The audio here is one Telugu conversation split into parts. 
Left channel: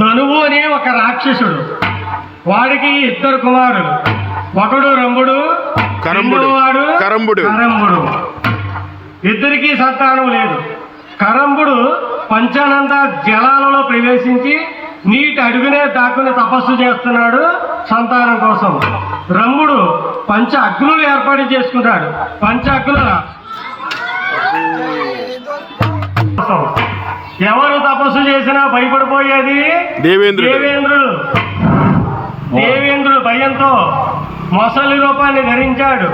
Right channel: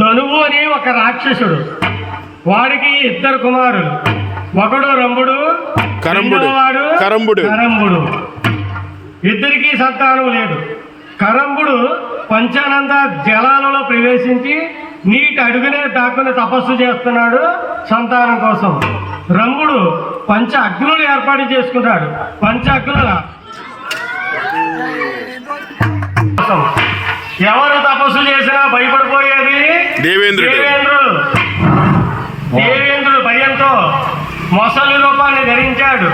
ధనువు అనే ఒక రాక్షసుడు, వాడికి ఇద్దరు కుమారులు, ఒకడు రంభుడు, కరంబుడు. ఇద్దరికీ సంతానం లేదు. కరంబుడు పంచానంద జలాలలో ప్రవేశించి నీటి అడుగునే దాక్కుని తపస్సు చేస్తున్నాడు సంతానం కోసం. రంభుడు పంచ అగ్నులు ఏర్పాటు చేసుకున్నాడు. పంచ అగ్నుల ఎవరు తపస్సు చేసినా భయపడిపోయేది దేవేంద్రుడు భయంతో మొసలి రూపాన్ని ధరించాడు.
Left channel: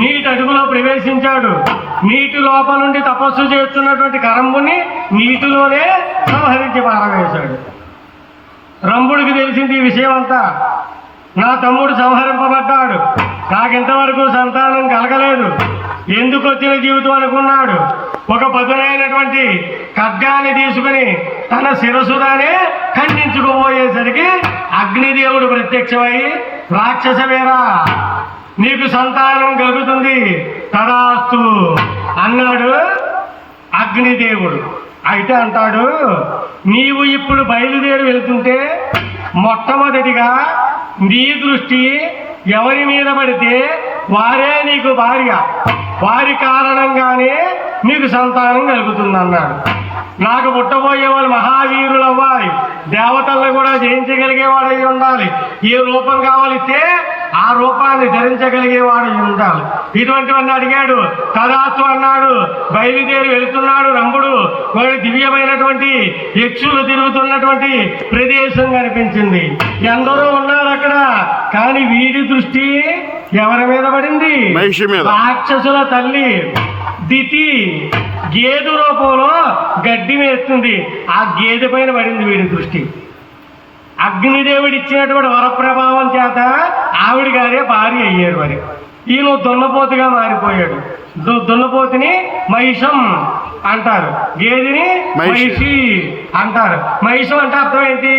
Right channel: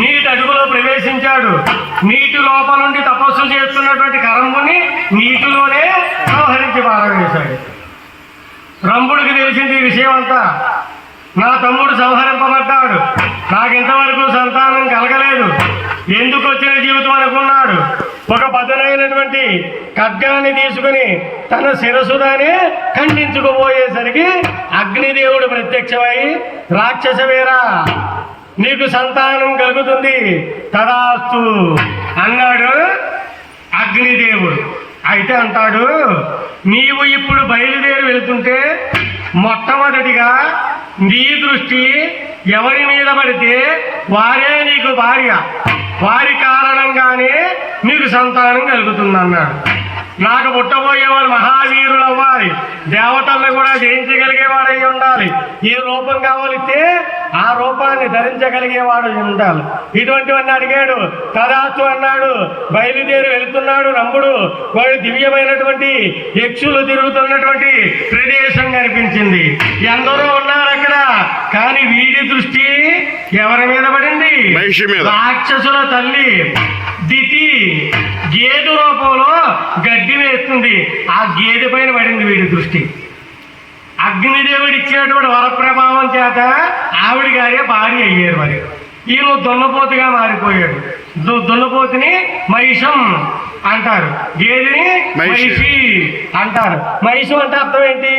నీటి అడుగులో ప్రవేశించాడు. నీటి లోపల నుండి తపస్సు చేస్తున్నటువంటి కరంబుని నీటిలోనే సంహరించి పారవేశాడు. రంభుడికి తెలిసింది ఈ విషయం అంతా. నా తమ్ముడు సంహరింపబడ్డాడు, నాకింతవరకు సంతానం కలగలేదు, ఎందుకు వచ్చిన జీవితం అనుకున్నాడు. ఒక పదునైనటువంటి ఖడ్గాన్ని తీసుకుని తన శిరసులోనే ఖండించుకోబోయేసరికి అగ్నిదేవుడు ప్రత్యక్షమై, రాక్షస వీరా, నీకు సంతానం కలుగుతుంది తదాస్తు అన్నాడు అగ్నిదేవుడు. అయితే అంటాడు, నీవు ఇప్పుడు బయలుదేరి వెళుతుంటే మొట్టమొదటిగా నీ దృష్టి ఎవరి మీద పడితే వారే నీకు భార్య, వారి కారణంగానే నీకు సంతానం కలుగుతుంది అన్నాడు. నాకు పుట్టబోయే వాళ్ళు మహావీరులు అవ్వాలి, దేవతలను కూడా జయించగలిగేవాడై ఉండాలి, ఏ రూపం కావాలిస్తే ఆ రూపాన్ని ధరించగలిగేవాడై ఉండాలి. ఇటువంటివన్నీ అడిగాడు. తదాస్తు అన్నాడు. బయలుదేరి వెళుతున్నాడు రంభుడు. వాడి దివ్యమైనటువంటి యక్షులు తిరుగుతున్నటువంటి ప్రదేశం కనిపించింది. ఎందరో ఉన్నారు అక్కడ, కానీ వీడి దృష్టి ఎవరి మీద పడింది? రాక్షసుల తల్లి దితి గేదె రూపంలో గడ్డి వేస్తుంది. ఆ గేదె పైన పడింది వీడి దృష్టి. అగ్నిదేవుడు ఇచ్చినటువంటి వరప్రభావం చేత ఆవిడ గారే భార్య అయ్యారు. మరి ఈయన దున్నపోతుగా మారిపోయాడు. దున్నపోతుని మహిషం అంటారు, గేదెని మహిషి అంటారు. మహిషం అంటే అర్థం ఏంటి?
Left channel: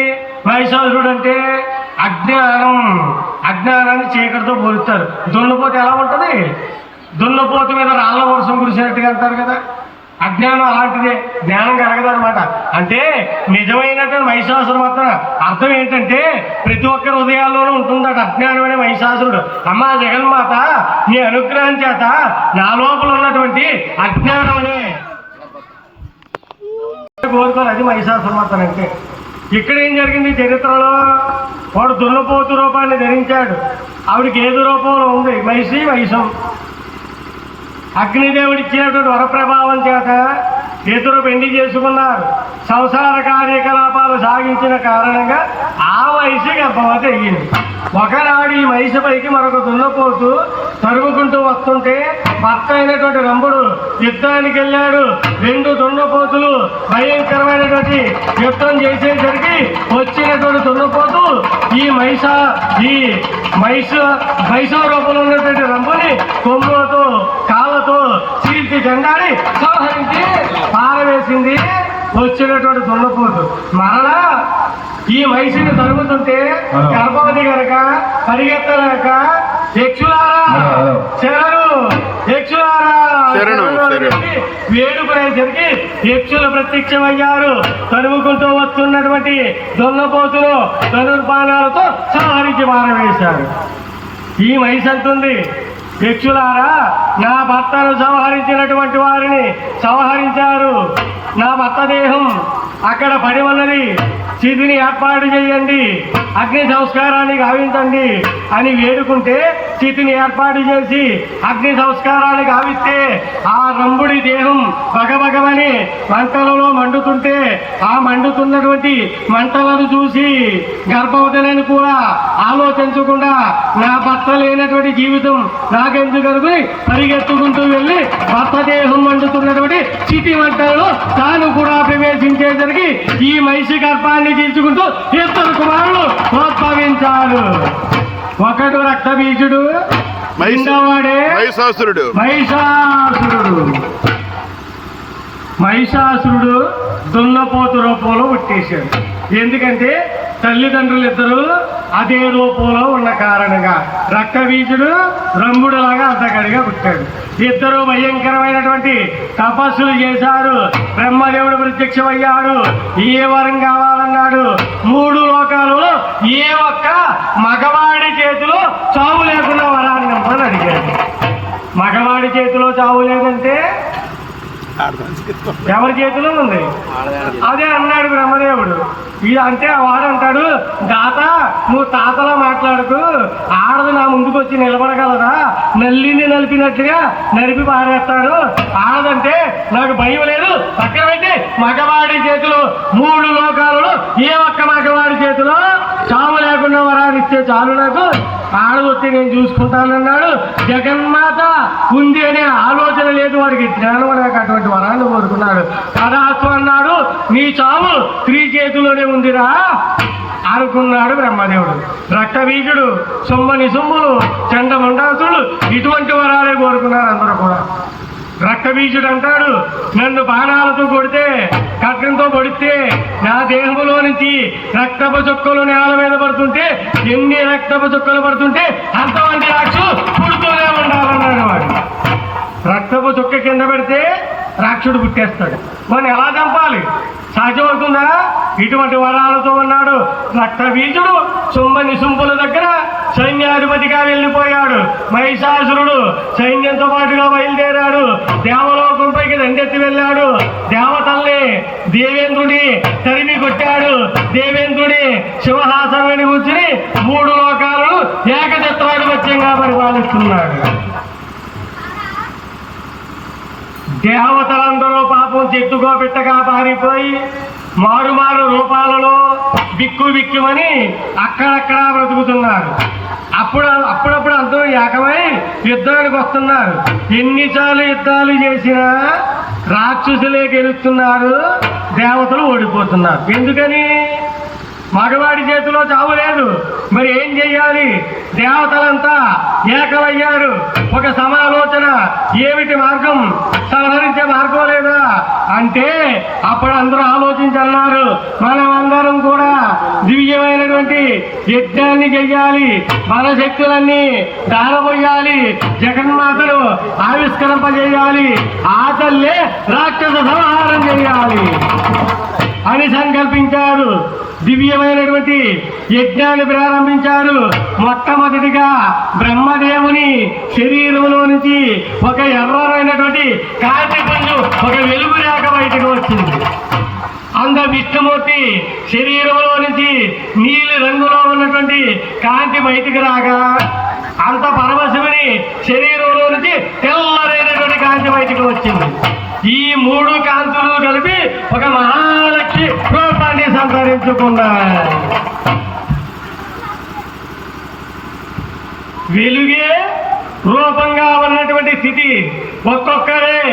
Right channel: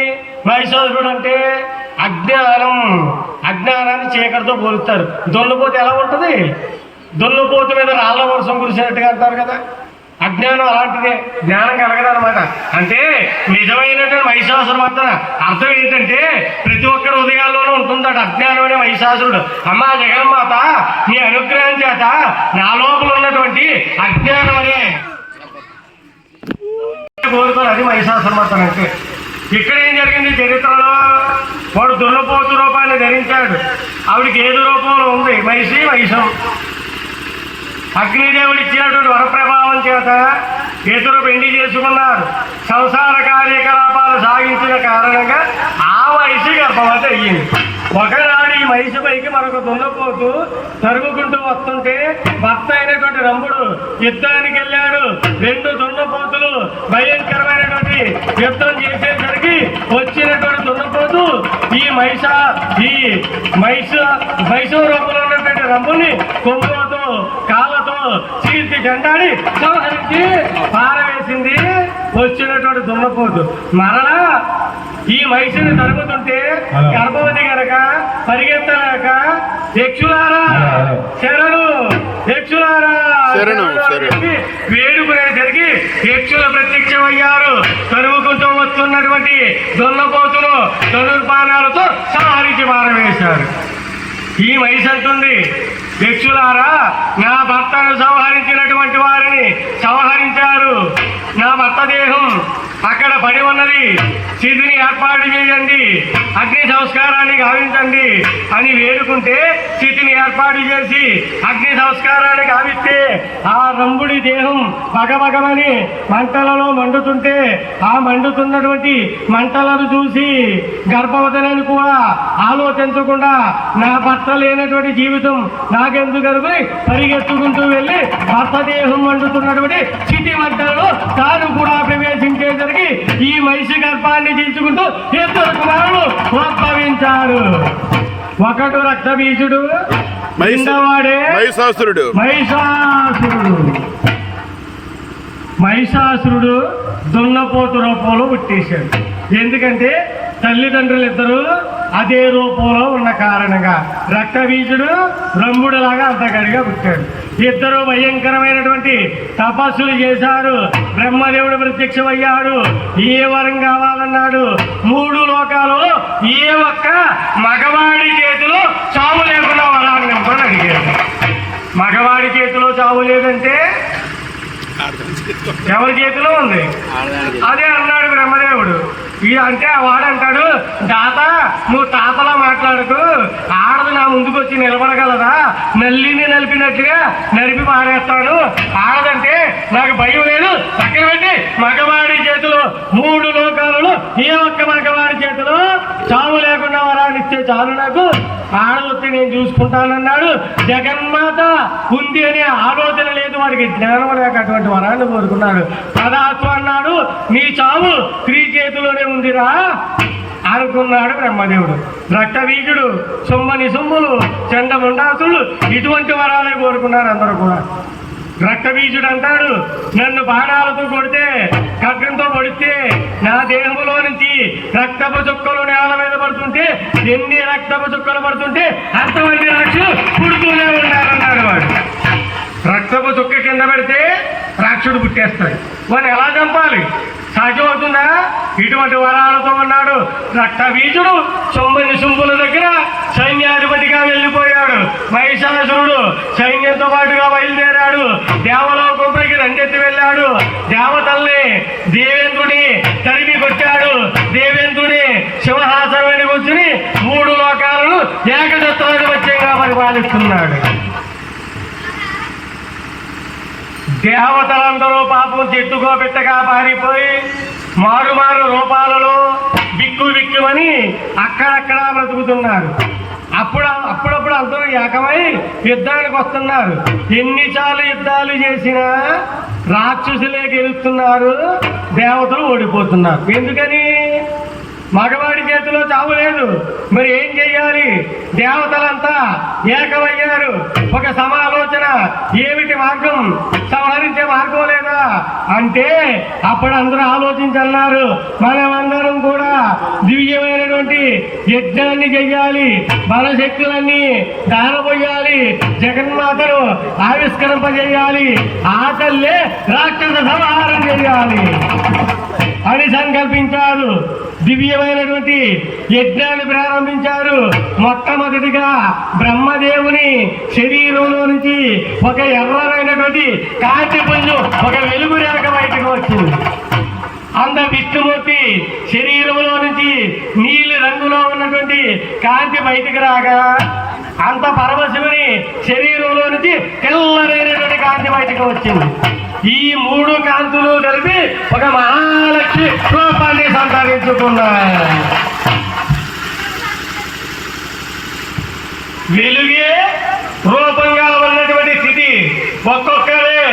మహిషాసురుడు అంటే అజ్ఞానాన్ని చీకటితో పోలుస్తారు. దున్నపోతు ఎలా ఉంటుంది? దున్నపోతు మీద రాళ్ళ వర్షం కురిసినట్టుగా అంటారు కదా. అజ్ఞానం అలాంటిదే, జ్ఞానం కలగదనమాట. అంటే నిజమైనటువంటి మహిషాసురవర్తన అర్థం ఏంటంటే ప్రతి ఒక్కరి హృదయాల్లోనూ ఉంటుందట అజ్ఞానం అనే మహిషాసురుడు. అమ్మా జగన్మాత, నీ అనుగ్రహం చేత నా లోపల ఉన్నటువంటి అజ్ఞానం అనే కోరుకోరు, అది మహిషాసురవర్తన అంటే. ఇక్కడ ఏం జరిగింది చరిత్రలో? వాడు దున్నపోతు రూపాన్ని ధరించాడు, ఆవిడికి ఏదో రూపంలో ఉంది మహిషం. అగ్నిదేవుడు ఇచ్చినటువంటి వరప్రభావం చేత ఇద్దరు పెళ్లి చేసుకున్నారు. సంసార కార్యకలాపాలు సాగించిన కారణంగా ఆ వయసు గర్భవతి అయ్యింది. ఒకనాడు ఈ వయసు పైకి మరొక దున్నపోతు తరుగుకుంటూ వస్తుంటే భర్త అయినటువంటి రంభుడు యుద్ధానికి వెళ్ళాడు. రెండు దున్నపోతులు భయంకరమైనటువంటి యుద్ధం చేసేసరికి వచ్చినటువంటి దున్నపోతు ఈ మహిష రూపంలో ఉన్నటువంటి రంభుని కొమ్ములతో కాళ్ళతో చీల్చి జెండాడి సంహరించి పారవేసింది వచ్చినటువంటి దున్నపోతు. మరలా ఈ మహిషిని తరుగుతుంటే గర్భవతి గనక పరిగెత్తలేక యక్షులారా వేడుకునేసరికి యక్షులు ప్రత్యక్షమయ్యారు. తరుగుకుంటూ వస్తున్నటువంటి దున్నపోతులు ధనుర్బాణాలతో సంహరించి పారవేశారు. ఈ మహిషి అంటుంది, యక్షులారా, నా భర్తను సంహరించినటువంటి వారిని సంహరించారు. నా భర్త దేహం అక్కడ పడి ఉన్నది, చితిని ఏర్పాటు చేయండి, అగ్ని సంస్కారాన్ని గావించండి అని వేడుకుంటే చితిని ఏర్పాటు చేసి అగ్ని సంస్కారాన్ని గావిస్తే ఆ రంభుడి దేహం పగపగమని మంటలలో మండుతుంటే ఆ మండుతున్నటువంటి మంటలను చూసి గర్భవతులను కూడా ఆలోచించకుండా నా భర్త లేనటువంటి జీవితం నాకెందుకు అనుకుని పరిగెత్తుకుంటూ వెళ్ళి భర్త దేహం మండుతున్నటువంటి చితి మంటలలో తాను కూడా ప్రవేశించేసరికి ఈ మహిషి గర్భాన్ని తీసుకుంటూ ఇద్దరు కుమారులు ప్రోత్సహించారు. ఒకడు రక్తబీజుడు, మహిషాసురుడు దున్నపోతు రూపంలో పుట్టేశాడు. ఎందుకంటే తల్లిదండ్రులు ఇద్దరు అదే రూపంలో ఉన్న కారణంగా రక్తబీజుడు రంభుడులాగా అంతగడిగా పుట్టాడు. ఇద్దరు భయంకరమైనటువంటి తపస్సులు చేశాడు. బ్రహ్మదేవుడు ప్రత్యక్షమయ్యాడు. ఏ వరం కావాలన్నాడు. ఉందంటే ఎవరి చేతిలో ఉంది? అదే అన్నాడు బ్రహ్మదేవుడు. అంటే వాడంటాడు, దాత నువ్వు తాతలో మాట్లాడుతూ ఆడదు నా ముందుకు వచ్చి నిలబడగలరా? నల్లిని నలిపినట్టుగా నలిపి పారేస్తాడు. ఆడదంటే నాకు భయం లేదు. పక్కన పెట్టి మగవాడి చేతిలో 3 లోకాలలో ఏ ఒక్క మగవాడి చేతిలో చావు లేకుండా వరాలిచ్చే చాలు నాకు. ఆడదు వచ్చి నేను చూసుకుంటానన్నాడు. జగన్మాత ఉంది అనే ఆలోచన లేదు వాడికి. జ్ఞానం లేక అటువంటి వరాన్ని కోరుకున్నాడు. పదార్థం అన్నాడు, నీ చావు స్త్రీ చేతిలోనే ఉందిరా అనుకున్నాడు బ్రహ్మదేవుడు. రక్తబీజుడు, సొమ్మని సొమ్ములు, చండమండాసుడు ఇటువంటి వరాలే కోరుకున్నారు అందరూ కూడా. రక్తబీజుడు అంటాడు, నన్ను బాణాలతో కొడితే, ఖడ్గంతో పొడితే నా దేహంలో నుంచి రక్తపు చుక్కలు నేల మీద పడుతుంటే, ఎన్ని రక్తపు చుక్కలు పడుతుంటే అంతమంది రాక్షసుడు పుడుతూనే ఉండాలన్నాడు వాడు. రక్తపు చుక్క కింద పెడితే రాక్షసుడు పుట్టేస్తాడు. మరి ఎలా చంపాలి? సాధ్యమవుతుందా? ఇటువంటి వరాలతో ఉన్నాడు రక్తబీజుడు. సొమ్మని సొంపుల దగ్గర సైన్యాధిపతిగా వెళ్ళిపోయాడు. మహిషాసురుడు సైన్యంతో పాటుగా బయలుదేరాడు. దేవలోకంపైకి దండెత్తి వెళ్ళాడు. దేవతల్ని దేవేంద్రుడి తరిమి కొట్టాడు. దేవేంద్రుడి సింహాసనాన్ని కూర్చుని 3 లోకాలను ఏకఛత్రాధిపత్యంగా పరిపాలిస్తున్నాడు. దేవతలందరూ పాపం చెట్టుకోబెట్టగా పారిపోయి మారు రూపాలలో బిక్కుమని అక్కడక్కడ బ్రతుకుతున్నారు. అప్పుడప్పుడు అందరూ ఏకమై యుద్ధానికి వస్తున్నారు. ఎన్నిసార్లు యుద్ధాలు చేసినా రాక్షసులే గెలుస్తున్నారు, దేవతలు ఓడిపోతున్నారు. ఎందుకని? మగవాడి చేతిలో చావు లేదు. మరి ఏం చెయ్యాలి? దేవతలంతా ఏకమయ్యారు. ఒక సమాలోచన, ఏమిటి మార్గం? సంహరించే మార్గం లేదా అంటే అప్పుడు అందరూ ఆలోచించన్నారు, మనమందరం కూడా దివ్యమైనటువంటి యజ్ఞాన్ని చెయ్యాలి, మన శక్తులన్నీ దానపోయాలి, జగన్మాతను ఆవిష్కరింపజేయాలి, ఆ తల్లే రాక్షస సంహారం చేయాలి అని సంకల్పించారు. దివ్యమైనటువంటి యజ్ఞాన్ని ప్రారంభించారు. మొట్టమొదటిగా బ్రహ్మదేవుని శరీరంలో నుంచి ఒక ఎర్రమైనటువంటి కాంతి పుంజు, ఒక వెలుగు రేఖ బయటకు వచ్చింది. అంత విష్ణుమూర్తి శరీరంలో నుంచి నీలి రంగులో ఉన్నటువంటి కాంతి బయటికి రాగా, అంత పరమశివుని శరీరంలో నుంచి తెల్లరైనటువంటి కాంతి బయటకు వచ్చింది. ఈ 3 కాంతులు కలిపి ఒక మహాలక్ష్మి రూపాన్ని సంతరించుకున్నాయి. వెలుగే రూపంగా ఉన్నటువంటి స్థితి. ఒక్కొక్కరే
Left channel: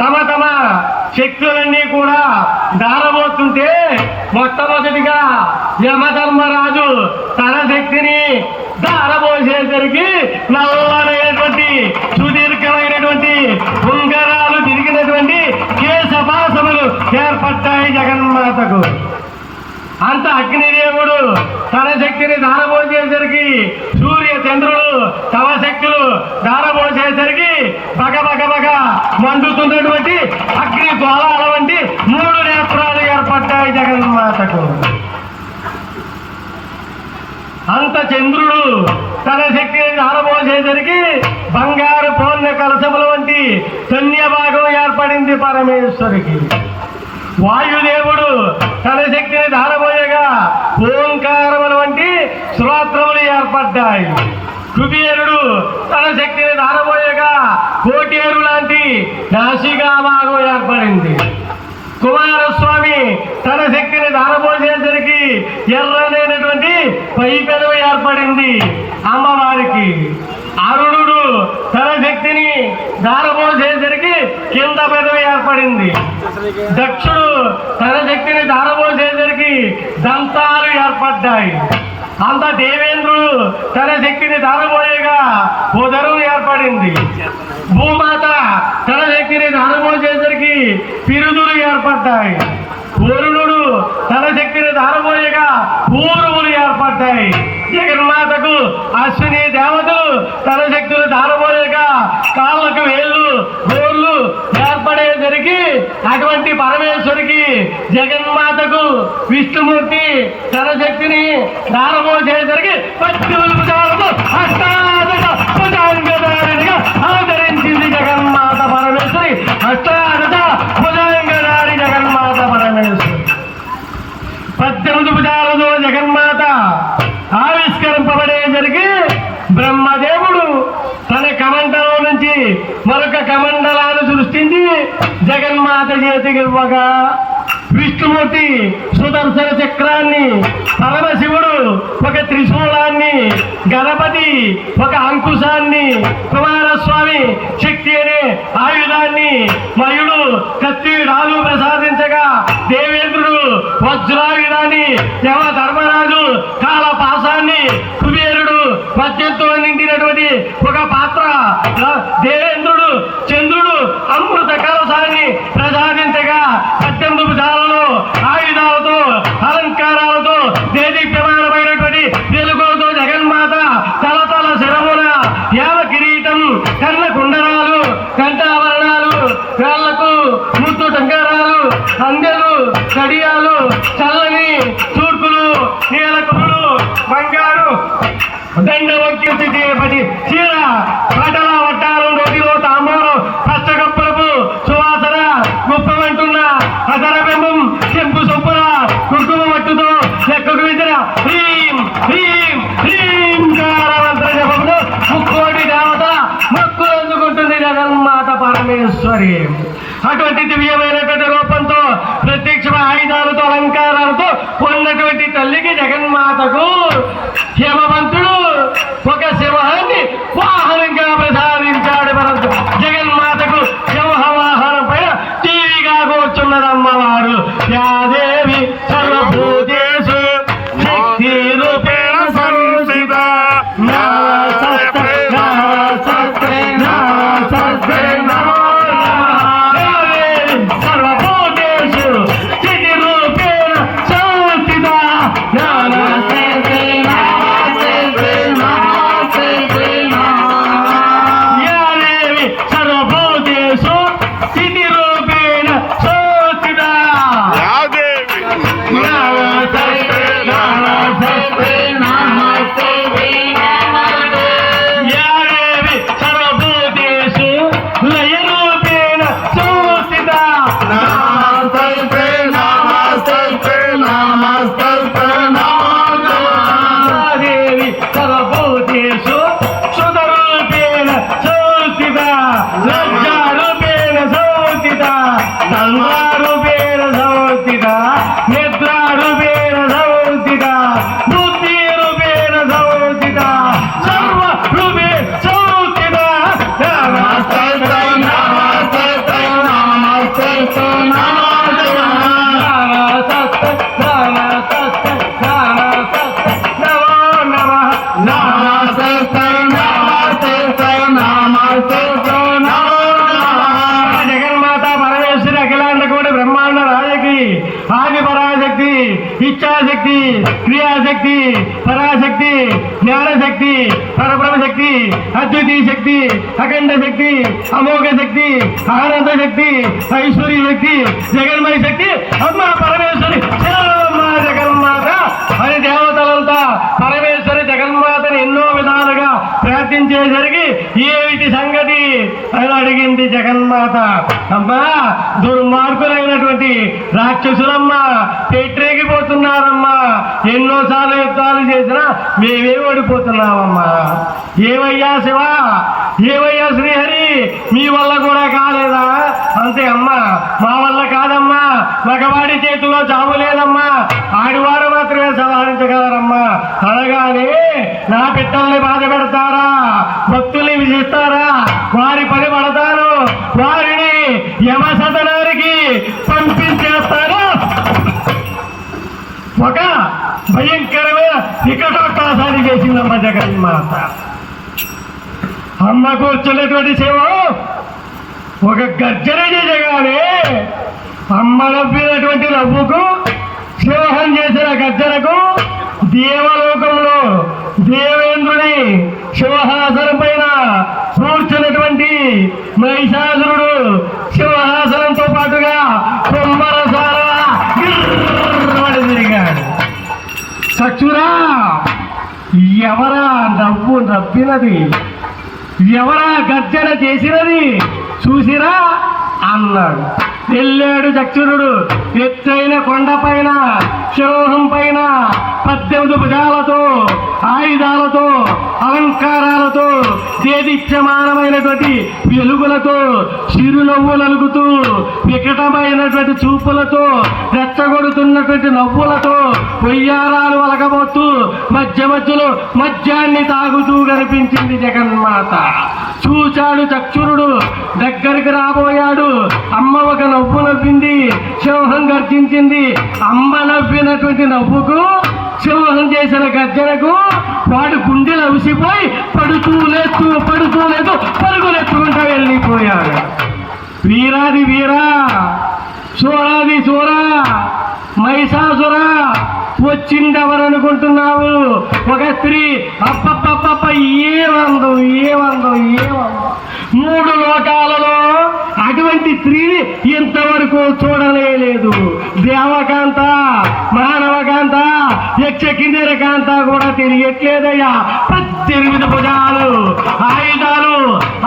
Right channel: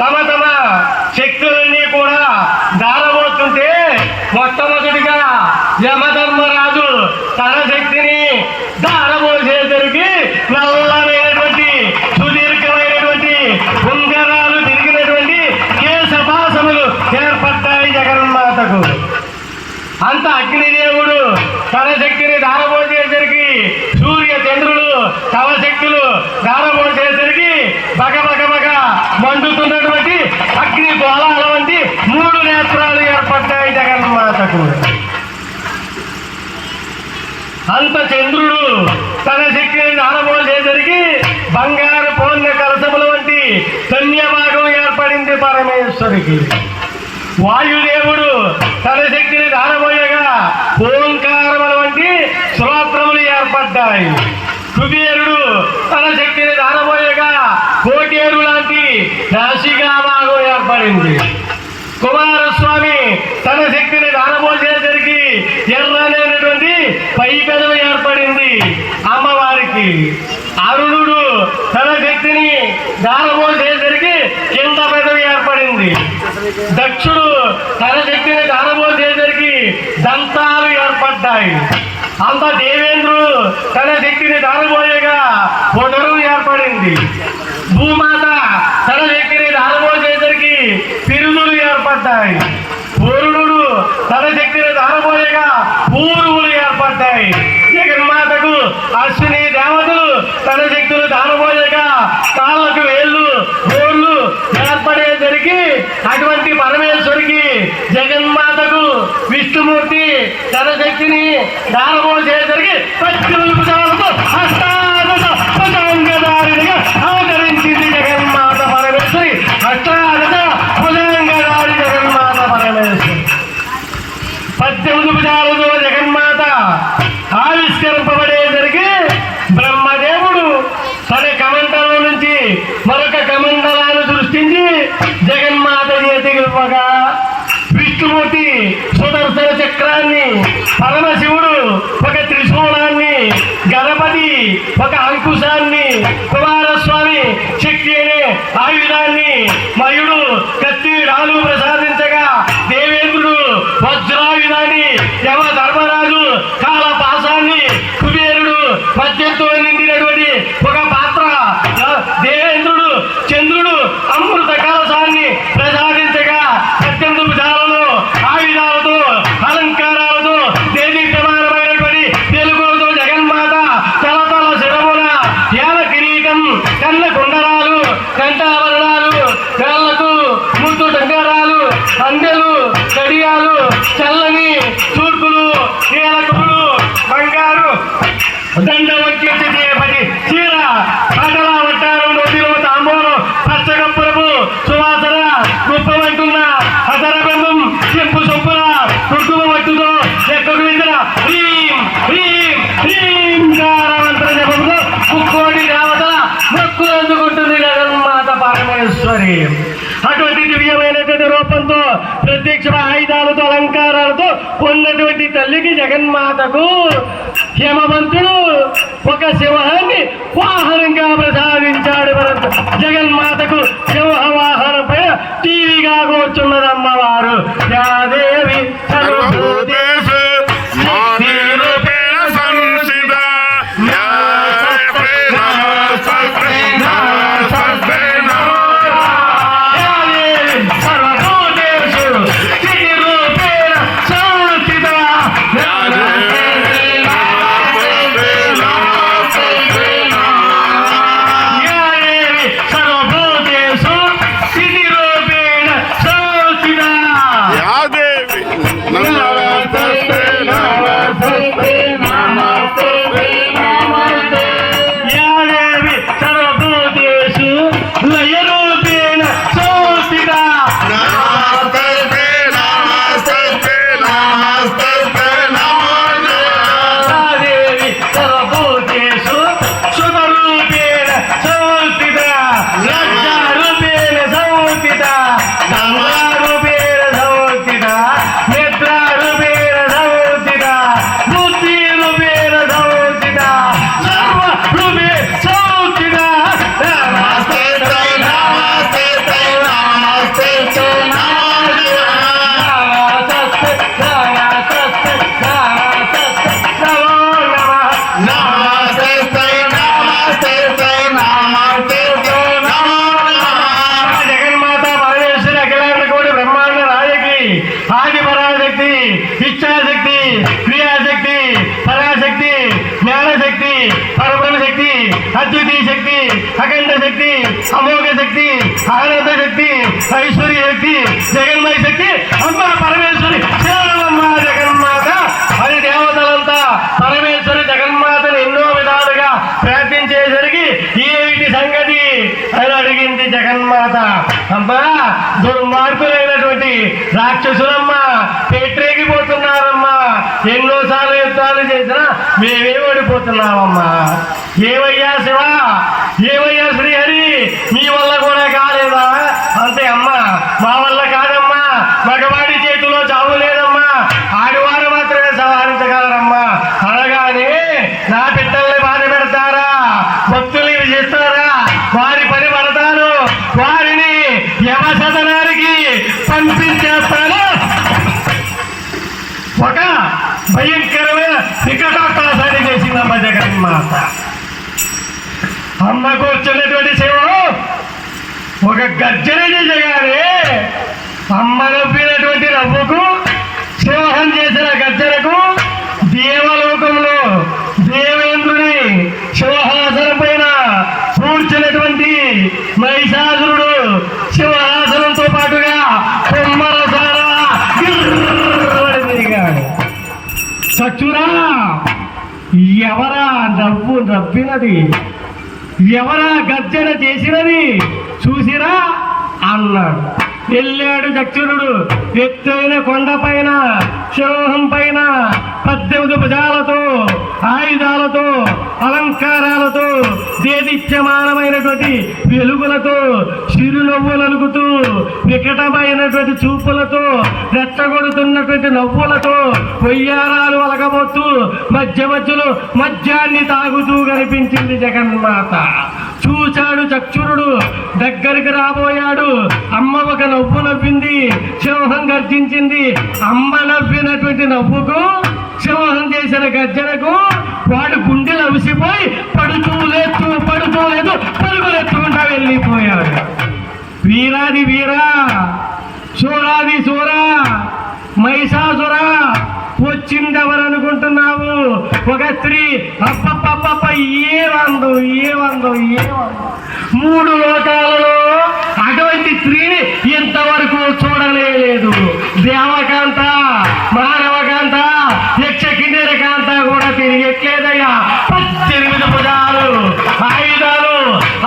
తమ శక్తులన్నీ కూడా దారబోతుంటే, మొట్టమొదటిగా యమధర్మరాజు తన శక్తిని దారబోసేసరికి నల్లరైనటువంటి సుదీర్ఘమైనటువంటి ఉంగరాలు తిరిగినటువంటి కేశపాసములు ఏర్పడ్డాయి జగన్మాతకు. అంత అగ్నిదేవుడు తన శక్తిని దారబోసేసరికి, సూర్య చంద్రులు తమ శక్తులు దారబోసేసరికి బగ మండుతున్నటువంటి అగ్ని గోళాల వంటి 3 నేత్రాలు ఏర్పడ్డాయి జగన్మాతకు. అంత చంద్రుడు తన శక్తిని దారబోసేసరికి బంగారు పూర్ణ కలశముల వంటి ధన్యభాగం ఏర్పడింది పరమేశ్వరికి. వాయుదేవుడు తన శక్తిని దారబోయగా ఓంకారముల వంటి శ్రోత్రములు ఏర్పడ్డాయి. కుబేరుడు తన శక్తిని దారబోయగా కోటేరు లాంటి రాశిగా భాగం ఏర్పడింది. కుమారస్వామి తన శక్తిని దారబోసేసరికి ఎర్రనైనటువంటి పైకలు ఏర్పడింది అమ్మవారికి. అరుణుడు తన శక్తిని దారబోసేసరికి కింద పెదవి ఏర్పడింది. దక్షుడు తన శక్తిని దారబోసేసరికి దంతాలు ఏర్పడ్డాయి. అంత దేవేంద్రుడు తన శక్తిని దారబోయగా ఉదరం ఏర్పడింది. భూమాత తన శక్తిని దారబోసేసరికి పిరుదులు ఏర్పడ్డాయి. వరుణుడు తన శక్తిని దారబోయగా పూర్వులు ఏర్పడ్డాయి. జగన్మాతకు అశ్విని దేవతలు తన శక్తులు దారబోయగా కాళ్ళకు వేళ్ళు గోళ్ళు ఏర్పడేసరికి అటువంటి పరమేశ్వరికి జగన్మాతకు విష్ణుమూర్తి తన శక్తిని దారబోసేసరికి అవతరించింది జగన్మాత పరమేశ్వరి. 18 భుజాలతో జగన్మాత ఆవిష్కరింపబడేసరికి బ్రహ్మదేవుడు తన కమండలం నుంచి మరొక కమండలాన్ని సృష్టించి జగన్మాత చేతికి ఇవ్వగా విష్ణుమూర్తి సుదర్శన చక్రాన్ని, పరమశివుడు ఒక త్రిశూలాన్ని, గణపతి ఒక అంకుశాన్ని, కుమారస్వామి శక్తి అనే ఆయుధాన్ని, మయుడు కత్తి డాలు ప్రసాదించగా దేవేంద్రుడు వజ్రాయుధాన్ని, యమ ధర్మరాజు కాలపాసాన్ని, కుబేరుడు మద్యంతో నిండినటువంటి ఒక పాత్ర, దేవేంద్రుడు చంద్రుడు అమృత కలశాన్ని ప్రసాదించగా 18 భుజాలలో ఆయుధాలతో అలంకారాలతో దేదీప్యమానమైనటువంటి తెలుగుతో జగన్మాత తలతల శిరమున యావ కిరీటం, కన్న కుండరాలు, కంఠాభరణాలు, కాళ్లకు ముత్తు టంకారాలు, అందెలు, కడియాలు, చల్లని తూర్పులు, నీలకులు, బంగారు దండవక్యుతి చీర, పంటల వట్టారం, నదిలో తాంబూలం, పచ్చగొప్పరపు సువాసన, గుప్పమంటున్న అదరబెంబం, చెంపు సొప్పున కుంకుమ మట్టుతో లెక్కకులిసిన హ్రీం హ్రీం హ్రీం కారాంతర జపంతో ముక్కోటి దేవత మొక్కులు అందుకుంటుంది జగన్మాత పరమేశ్వరి. అటువంటి దివ్యమైనటువంటి రూపంతో ప్రత్యక్ష ఆయుధాలతో అలంకారాలతో ఉన్నటువంటి తల్లికి జగన్మాతకు హేమవంతుడు ఒక సింహాన్ని వాహనంగా ప్రసాదించాడు. పరంతు జగన్మాతకు సింహ వాహనం పైన టీవీగా కూర్చున్నది అమ్మవారు. యాదేవి సర్వభూతేషు శక్తి రూపేణ సంస్థిత. అద్వితీయ శక్తి, అఖండ శక్తి, అమోఘ శక్తి, ఆనంద శక్తి, ఐశ్వర్య శక్తి, జగన్మయ శక్తి, అమ్మ పరమేశ్వరి శరణమ్మ జగన్మాత అని దేవతలంతా పరమేశ్వరి జగన్మాతను ఎన్నో విధాలుగా ప్రార్థించేసరికి ఏమిటి సంగతి అని అడిగింది జగన్మాత. అమ్మా, దుర్మార్గులైనటువంటి రాక్షసులమ్మ పెట్టరేగిపోతున్నారమ్మా, ఎన్నోసార్లు యుద్ధాలు చేసినా మేమే ఓడిపోతున్నామమ్మా. ఏవయ్యా శివ, ఏవయ్యా శ్రీహరి, మీ వల్ల కూడా కాలేదా? అంతే అమ్మా, మా వల్ల కాదమ్మా, మగవాడి చేతిలో చావు లేదమ్మా, ఆడివాడు మాత్రమే సంహరించగలరమ్మా. అనగానే నా పిట్టల్ని బాధ పెడతారా, భక్తుల్ని విధిస్తారా, వారి పని పడతారు, వారిని యమసదనానికి పంపించేస్తారా. ఒక భయంకరమైన వికటాకాశాన్ని చేసిందమ్మ జగన్మాత. అమ్మ కూర్చున్నటువంటి శివ ఒక గర్జనని చేయాలి. అమ్మ నవ్వినటువంటి నవ్వుకు, సింహం చేసిన గర్జనకు దేవలోకంలో దేవేంద్రుని సింహాసనం పైన కూర్చున్నటువంటి మహిషాసురుడు సింహాసనంతో పాటుగా కొమ్మల చాలా తిరిగాడు. చచ్చురా, ఎవరా నవ్వు నవ్వినది, ఎవరా గర్జన చేసినది చూసిరా అన్నాడు. వెళ్ళాడు చక్షురుడు ఎత్తైన కొండపైన సింహం పైన 18 భుజాలతో ఆయుధాలతో అలంకారాలతో దేదీప్యమానమైనటువంటి వెలుగులతో చిరునవ్వులలుగుతూ వికటమైనటువంటి చూపులతో రెచ్చగొడుతున్నటువంటి నవ్వులతో కొయ్యారాలు వలగబోతూ మధ్య మధ్యలో మద్యాన్ని తాగుతూ కనిపించింది జగన్మాత. చూచాడు చక్షురుడు, దగ్గరికి రాబోయాడు. అమ్మ ఒక నవ్వు నవ్వింది, సింహం గర్జించింది. అమ్మ నవ్వినటువంటి నవ్వుకు, సింహం చేసిన గర్జనకు వాడు గుండెలు అవిసిపోయి పడుతూ లేదు పరుగులెత్తుకుంటా వెళ్ళిపోయాడు. వీరాది వీరా, సూరాది సూరా, మహిషాసురా వచ్చిందెవరనుకుంటున్నావు? ఒక స్త్రీ. అప్పప్పప్ప ఏమందో 3 లోకాలలో అటువంటి స్త్రీని ఇంతవరకు చూడలేదు. దేవకాంత, మానవకాంత, యక్ష కిన్నెర కాంత కూడా తిరిగట్లేదయ్యా. 18 పదాలు, ఆయుధాలు,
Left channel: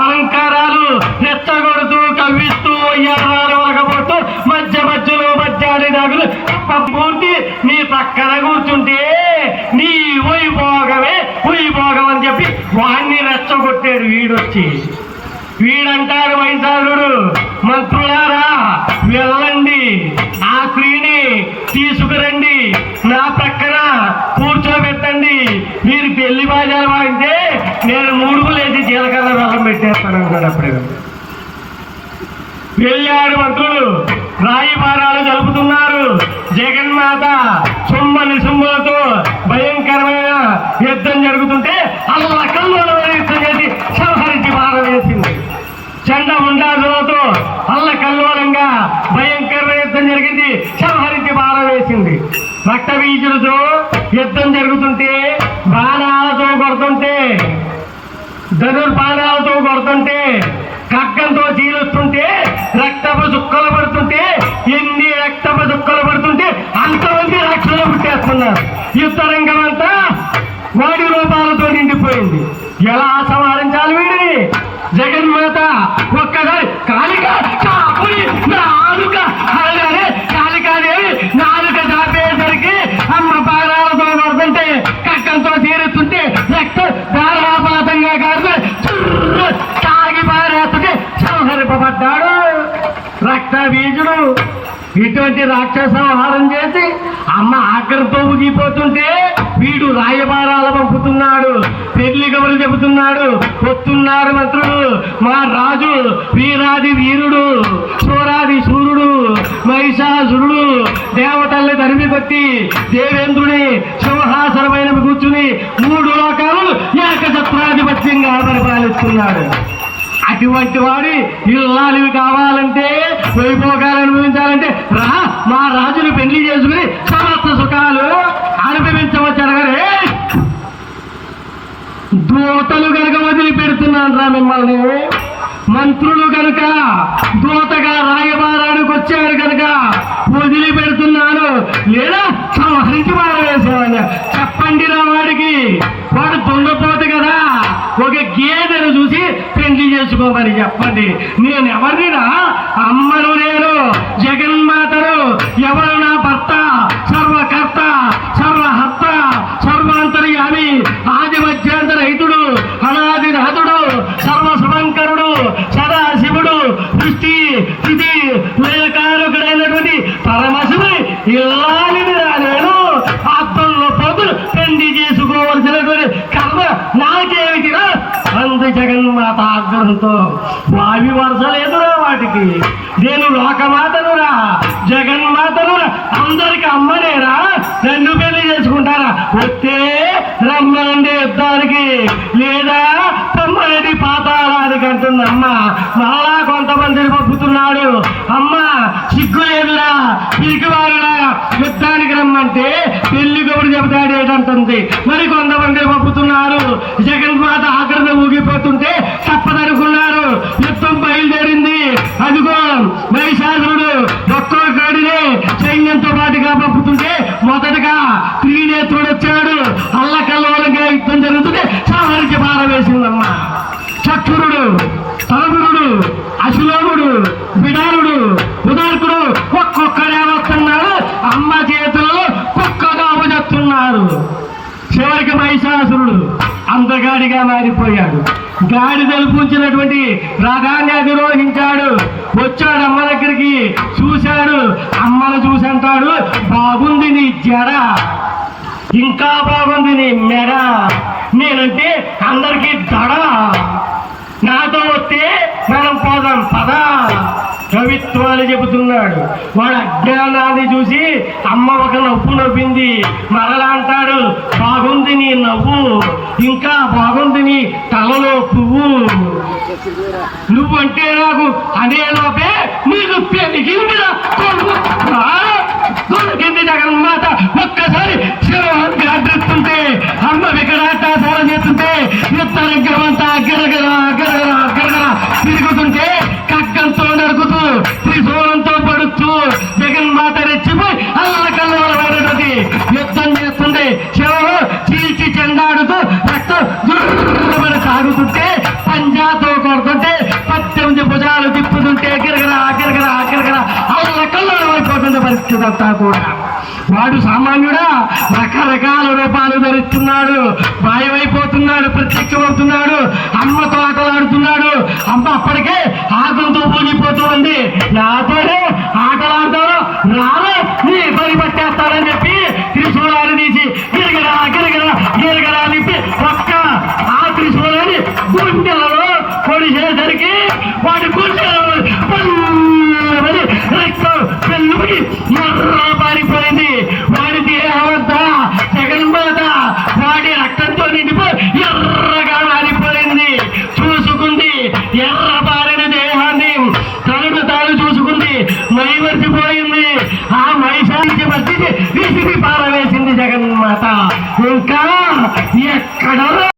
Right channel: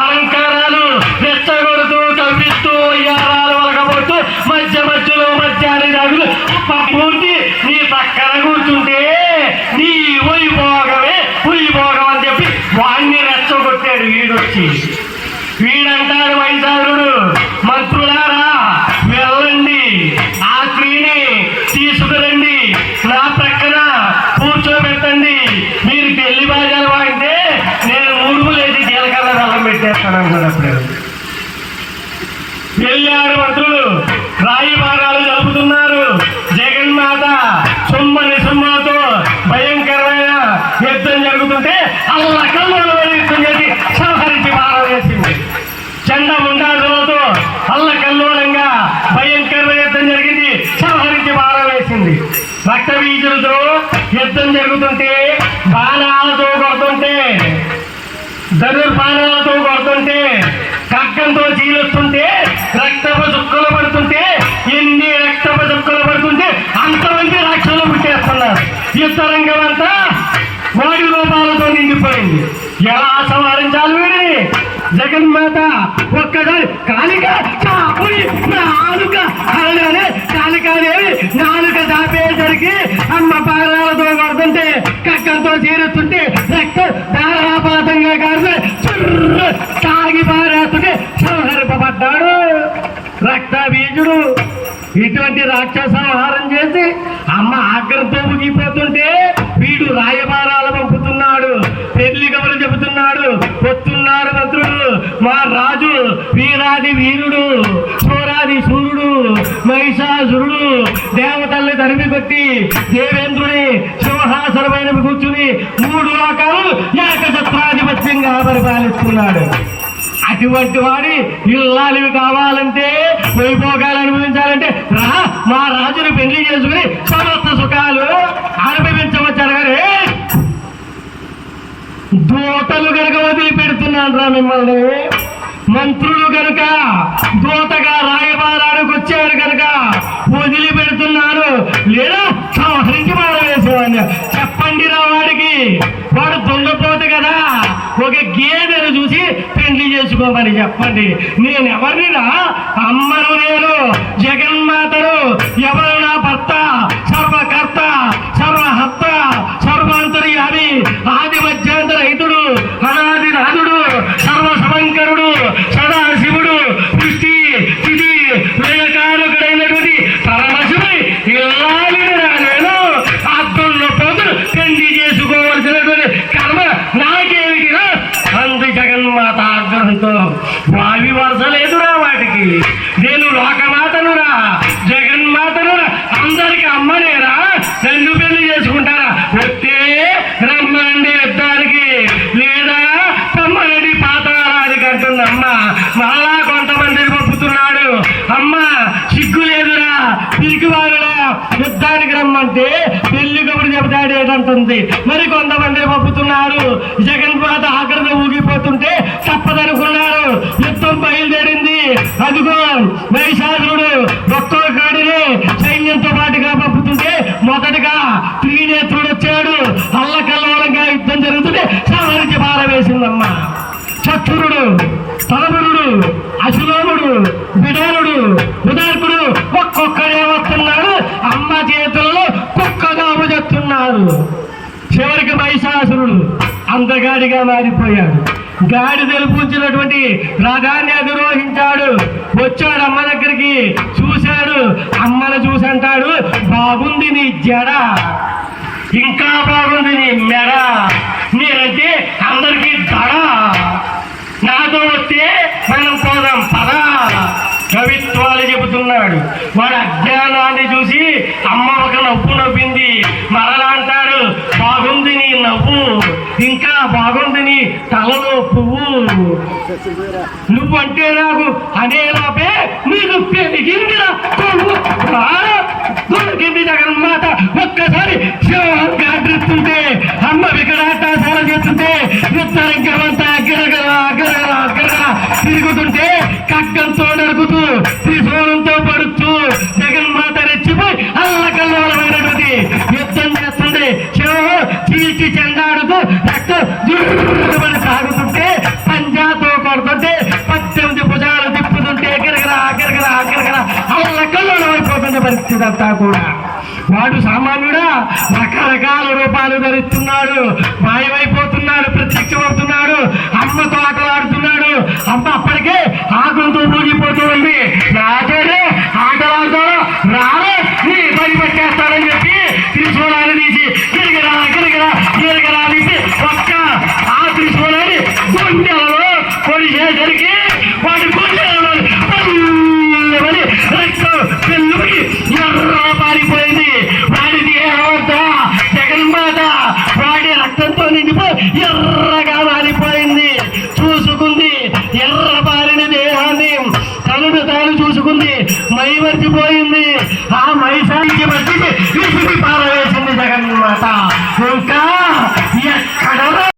అలంకారాలు రెచ్చగొడుతూ తవ్విస్తూ అయ్యారాలు వలకపోతూ మధ్య మధ్యలో మధ్యాహ్న దాగులు పంపుంది. నీ పక్కన కూర్చుంటే నీ వైభోగమే వైభోగం అని చెప్పి వాణ్ణి రెచ్చగొట్టాడు. వీడంటాడు వైశాలుడు, మంత్రులారా వెళ్ళండి, ఆ స్త్రీని తీసుకురండి, నా ప్రక్కన కూర్చోబెట్టండి. మీరు పెళ్లి బాజాలు వాడితే నేను 3 లేచి జీలకర్ర రసం పెట్టేస్తాను కూడా. వెళ్ళాడు మంత్రులు, రాయబారాలు జరుపుతున్నారు. జగన్మాత సుమ్మలతో భయంకరమైన యుద్ధం జరుగుతుంటే అల్లకల్లోల యుద్ధం చేసి సంహరించి భారం చేసింది. చండ ఉండాలతో అల్లకల్లోలంగా భయంకరమైన యుద్ధం జరిగింది, సంహరించి భారం వేసింది. రక్త బీజులతో యుద్ధం జరుగుతుంటే, బాణాలతో కొడుతుంటే, ధనుర్బాణాలతో కొడుతుంటే, ఖడ్గంతో చీలుస్తుంటే, రక్తపు చుక్కలు పడుతుంటే, ఎన్ని రక్తపు చుక్కలు పడుతుంటే అంతమంది రక్షలు పుట్టేస్తున్నారు. యుద్ధరంగం అంతా వాడి రూపాలతో నిండిపోయింది. ఎలా సంహరించాలి వీడిని? జగన్మాత ఒక్కసారి కాళిక నాలుక అలాగే కాళికాదేవి నాలుక దాపేసరికి అమ్మ పారాలతో పడుతుంటే, కట్టంతో చేరుతుంటే, రక్తం ధారాపాతంగా కాదు తాగి పారేస్తుంటే సంహరింపబడ్డాడు రక్త బీజుడు. ఇటువంటి రాక్షస సంహారం చేసి అమ్మ ఆగ్రహంతో ఊగిపోతుంటే వీడు రాయబారాలు పంపుతున్నాడు, పెళ్లి కబులు చెబుతున్నాడు. వస్తున్నారు మంత్రులు, మా రాజు వీరాది వీరుడు, సూరాది సూర్యుడు, మహిషాసురుడు దేవతల్ని తరిమి కొట్టి దేవేంద్రుడి సింహాసనమైన కూర్చుని 3 లోకాలు ఏకఛత్రాధిపత్యంగా పరిపాలిస్తున్నాడు. అటువంటి వాడి ఇల్లాలివి కావాలంటే, వైభోగాలు అనుభవించాలంటే రా, మా రాజుని పెళ్లి చేసుకుని సమస్త సుఖాలు అనుభవించవచ్చారు. కానీ దూతలు కనుక వదిలిపెడుతున్నాను రా మిమ్మల్ని. మంత్రులు కనుక దూతగా రాయబారానికి వచ్చేవారు కనుక వదిలిపెడుతున్నాను, లేదా సంహరించి మారవేసేవాడిని. చెప్పండి నా వాడికి, వాడు దొంగపోతు కదా, ఒక గేదెను చూసి పెళ్లి చేసుకోమని చెప్పండి. నేను ఎవరినిరా? అమ్మను నేను, జగన్మాతను. ఎవరు నా భర్త? సర్వకర్త, సర్వహర్త, సర్వాంతర్యామి, ఆది మధ్యాంతర హితుడు, అనాది నాథుడు, సర్వసమంకరుడు, సదాశివుడు, దృష్టి స్థితి లేకానుకుడైనటువంటి పరమశివుని ఇల్లాలిని నేను. అద్దంలో పోతులు పెళ్లి చేసుకోవలసినటువంటి కర్మ నాకేమిటిరా? అంది జగన్మాత ఆగ్రహంతో. వావి వరసలేదురా వాటికి. నేను లోకమాతనురా, జగన్మాతనురా, అందరికి అమ్మనేరా. నన్ను పెళ్లి చేసుకుంటారా? వస్తే రమ్మనండి యుద్ధానికి, లేదా తమ్మనేది పాతాళానికి అంటుందమ్మ. నాలా కొంతమందిని పంపుతున్నాడు. అమ్మ సిగ్గు లేదురా, పిరికివారురా, యుద్ధానికి రమ్మంటే పెళ్లి కబురు చెబుతాడు ఏంటంటుంది. మరి కొంతమందిని పంపుతున్నారు. జగన్మాత ఆగ్రహం ఊగిపోతుంటే తప్పదనుకున్నారు. యుద్ధం బయలుదేరింది. అదిగో మహిషాసురుడు ఒక్కో కాడినే సైన్యంతో పాటుగా పంపుతుంటే మొదటగా త్రినేత్రుడు వచ్చాడు. అల్లకల్లోలంగా యుద్ధం జరుగుతుంటే సంహరించి పారవేసిందమ్మ. చక్షురుడు, తలపురుడు, అశిలోముడు, బిడారుడు, ఉదార్ప చివరికి మహిషాసురుడు అందగాడిగా మారిపోయాడు. గాడిదలు పూంచినటువంటి రథాన్ని అధిరోహించాడు. వచ్చాడు అమ్మ దగ్గరికి, చూశాడు. అమ్మను చూసి అంటాడు, బాగుంది నీ జడ, ఇంకా బాగుంది నీ మెడ, నేనంటే అందరికీ దడ, నాతో వస్తే మనం పోదాం పద. కవిత్వాలు చెబుతున్నాడు. వాడు అజ్ఞానాన్ని చూసి అమ్మ ఒక నవ్వు నవ్వింది. మరలా అంటాడు, బాగుంది నీ నవ్వు, ఇంకా బాగుంది నీ తలలో పువ్వు, నువ్వంటే నాకు అనే లోపే నీకు పెరిగింది జగన్మాత. ఒక్కసారి శివంగా అడ్డుతుంటే అమ్మ వికటాటాసార చేస్తుంటే ఉత్తరంగమంతా గిరగల గిరగల గిరగల తిరుగుతుంటే కగ్గంతో నరుకుతూ త్రిశూలంతో పడుతూ జగన్మాత రెచ్చిపోయి అల్లకల్లోలమైనటువంటి యుద్ధం చేస్తుంది. శివ చీల్చి చెండాడుతూ రక్తం జుర్రమని సాగుతుంటే పంజాతో కొడుతుంటే 18 భుజాలు తిప్పుతుంటే గిరగల గిరగల గిరగల అల్లకల్లోలమైపోతుంది పరిస్థితి అంతా కూడా. వాడు సామాన్యుడా, రకరకాల రూపాలు ధరిస్తున్నాడు, మాయమైపోతున్నాడు, ప్రత్యక్షమవుతున్నాడు, అమ్మతో ఆటలాడుతున్నాడు. అమ్మ అప్పటికే ఆకులతో ఊగిపోతూ ఉంది. నాతోనే ఆటలాడుతూ రాలే నీ పని పెట్టేస్తానని చెప్పి త్రిశూలాన్ని తీసి గిరగరా గిరగరా గిరగరా తీసి ఒక్క ఆ త్రిశూలాన్ని గుండెలలో పొడిచేసరికి వాడి గుండెలలో రక్తం పెళ్ళుకి ఎర్ర పారిపోయింది. వాడి దేహమంతా జగన్మాత వాడి రక్తంతో నిండిపోయి ఎర్రగా మారిపోయింది. చూసుకుంది ఎర్ర పారిన దేహాన్ని, తనను తాను చూసుకుంది, మైమర్చిపోయి